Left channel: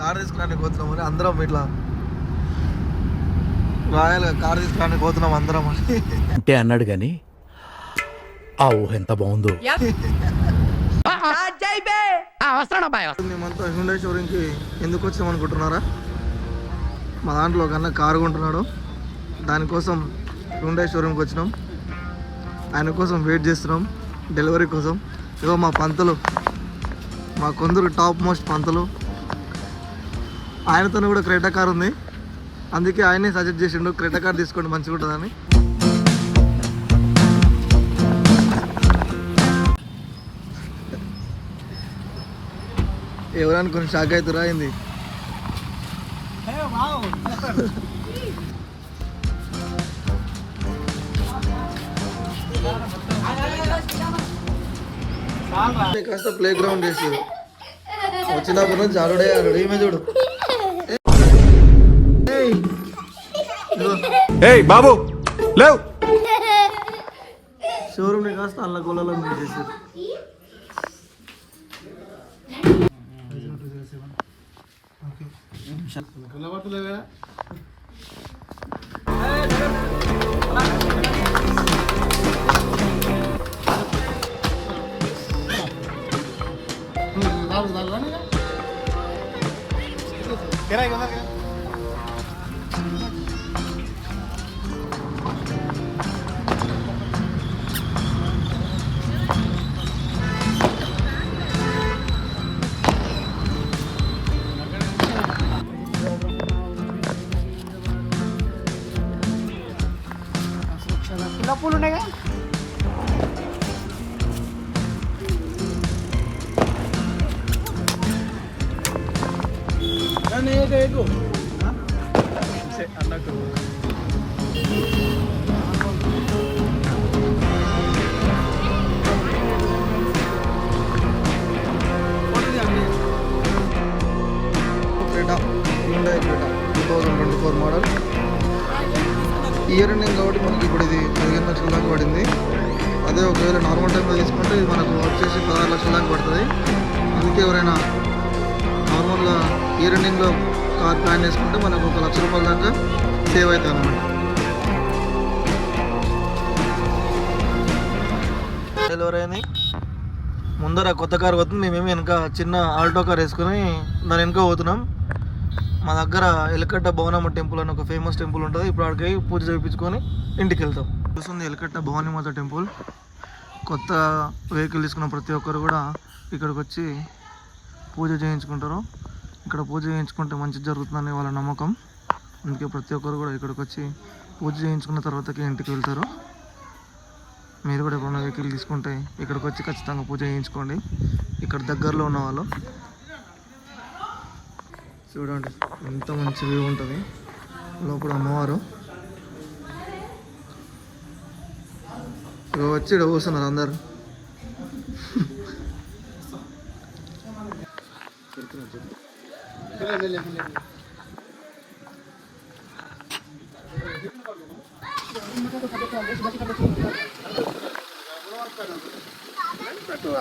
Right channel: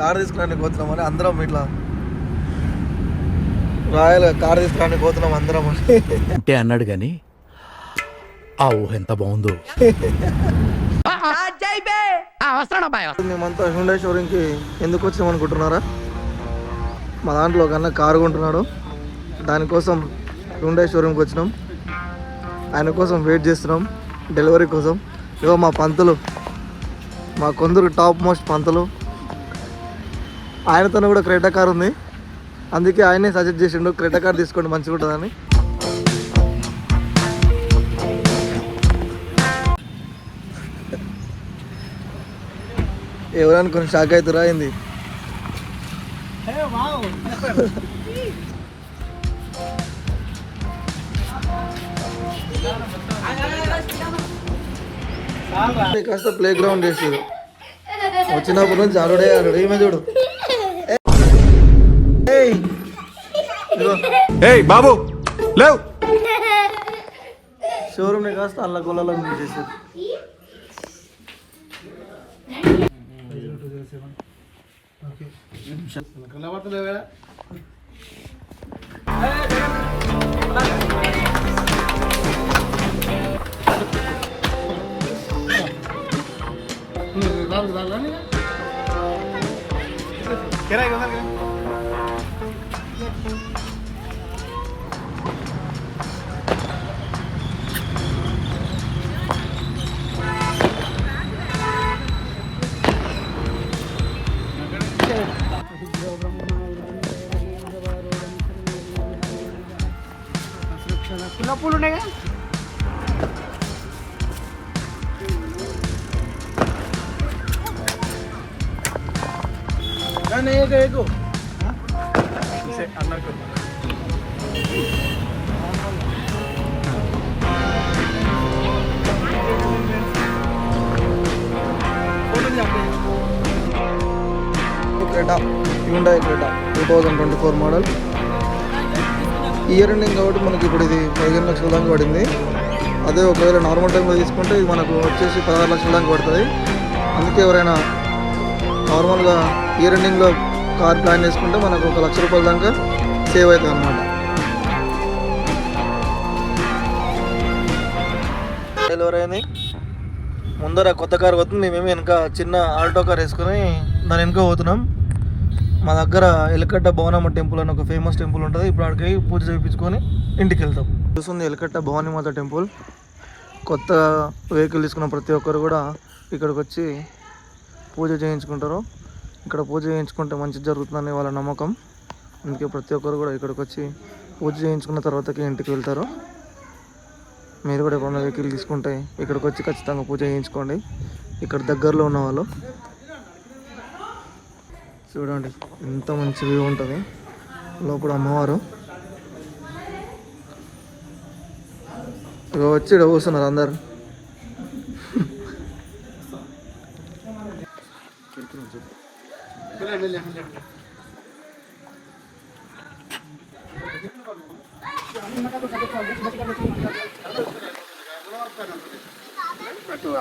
Car తీసుకురానికి పోతున్నామని అందరం ఇట్లా royal car తీసుకురానికి పోతున్నాం అందరం అంటే అన్నాడు కానీ ఆ ఊహ ఎంత బాగుందో. మేమంతా హ్యుండాయ్ షోరూమ్కి ఎందుకు వచ్చాం అనుకుంటున్నారా? మా దాంట్లో కన్నా కారు కొంటున్నాడు, దానికోసం హ్యుండాయ్ షోరూమ్కి వచ్చినాం. ఆయన కోసం వెయిట్ చేస్తున్నాం డెలివరీ కోసం. ఇగో మా పంతులు, మా కొందరు టాప్ మోస్ట్ పంతులు, ఆయనతో కూడా క్రెటా కార్ ఉంది, అందుకే ఆయనే సజెస్ట్ చేసిండు క్రెటా కార్ తీసుకోండి మంచిగా ఉంటుందని. ఎవరనుకుని షాక్ అవుతురా అయింది. కాస్త ప్లే గ్రౌండ్ వేసారు, వచ్చినప్పటి నుంచి ఆడుడే ఆడు. ఏమే చూడు బాబు లేవు. షోరూమ్ని కాస్త అల్ల గొల్లలో చేశారు. పూలు ఉన్నాయి Creta, Hyundai Creta 2024 model. Year ending కాబట్టి మనకి ఇప్పుడు ఇది 15 లక్షల దాకా పడింది. అదే ఒకవేళ నార్మల్ టైంలో తీసుకుంటే ఇది మనకు వచ్చేసి 16 లక్షల దాకా పడుతుంది. అందుకే ఎవరైనా నార్మల్గా ఇయర్ ఎండింగ్లో కార్ ప్లాన్ చేసుకుంటే మనకు 1 లక్ష రూపాయల దాకా సేవ్ అవుతుంది అన్నమాట. డెలివరీ అయింది. ముందర కొత్త కార్ పోతుంది, మేమేమి వెనక చిన్న ఆల్టో కార్ వేసుకొని దాని వెనక పోతున్నాం. మా దగ్గర ఎలకట్ట భవనమ్మ టెంపుల్ అని ఒక ఫేమస్ టెంపుల్ ఉంటుంది. ఇప్పుడు అక్కడికి పూజ చేయించుకొని ఇంటికి వెళ్తాం. చూస్తుంది ఎలకట్ట భవానీమాత టెంపుల్. కొత్త వెహికల్ తీసుకున్న ప్రతి ఒక్కరు కూడా ఇక్కడికి వచ్చి పూజ చేయించుకుంటారు. ఇక్కడ పూజ చేయించుకుంటే మంచి జరుగుతుందని వాళ్ళ నమ్మకం. అందుకే ప్రతి ఒక్కరు కూడా ఇక్కడికి వచ్చి పూజ చేయించుకున్న తర్వాతకి ఇంటికి వెళ్తారు. మీరు కూడా ఎప్పుడైనా వెహికల్ తీసుకుంటే ఇక్కడికి వచ్చి ఖచ్చితంగా పూజ చేయించుకోండి, ఇక్కడ దగ్గరలో ఉన్న వాళ్ళు. చూడండి ఎంత మంచి వ్యూ ఉంటుంది. లోపల అమ్మవారు ఇక వచ్చి ఇక్కడ కూర్చున్నారు అందరు.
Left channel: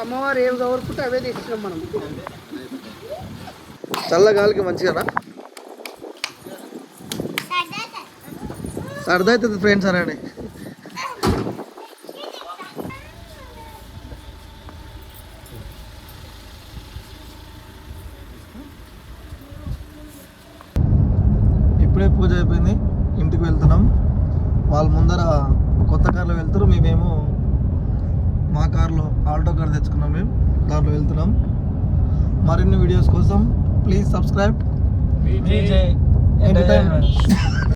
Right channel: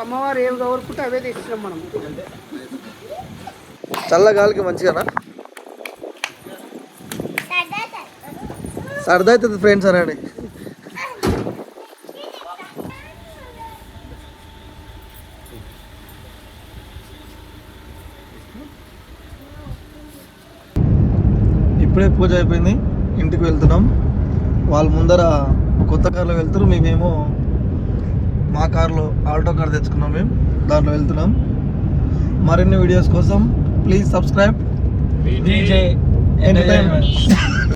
అమ్మవారు ఏం కోరుకుంటే అవే తీసుకున్నాం మనం. చల్లగాలికి మంచిగానా సరదా అవుతుంది ఫ్రెండ్స్ అనండి. ఇప్పుడే పూజ అయిపోయింది, ఇంటికి వెళ్తున్నాం. వాళ్ళ ముందర కొత్త కార్లో వెళ్తారు, మేమేమో మా కార్లో ఆల్టో కార్ తెచ్చుకున్నాం, మేము దాంట్లో వెళ్తున్నాం. మరిన్ని వీడియోస్ కోసం ప్లీజ్ సబ్స్క్రైబ్ DJ Entertainment.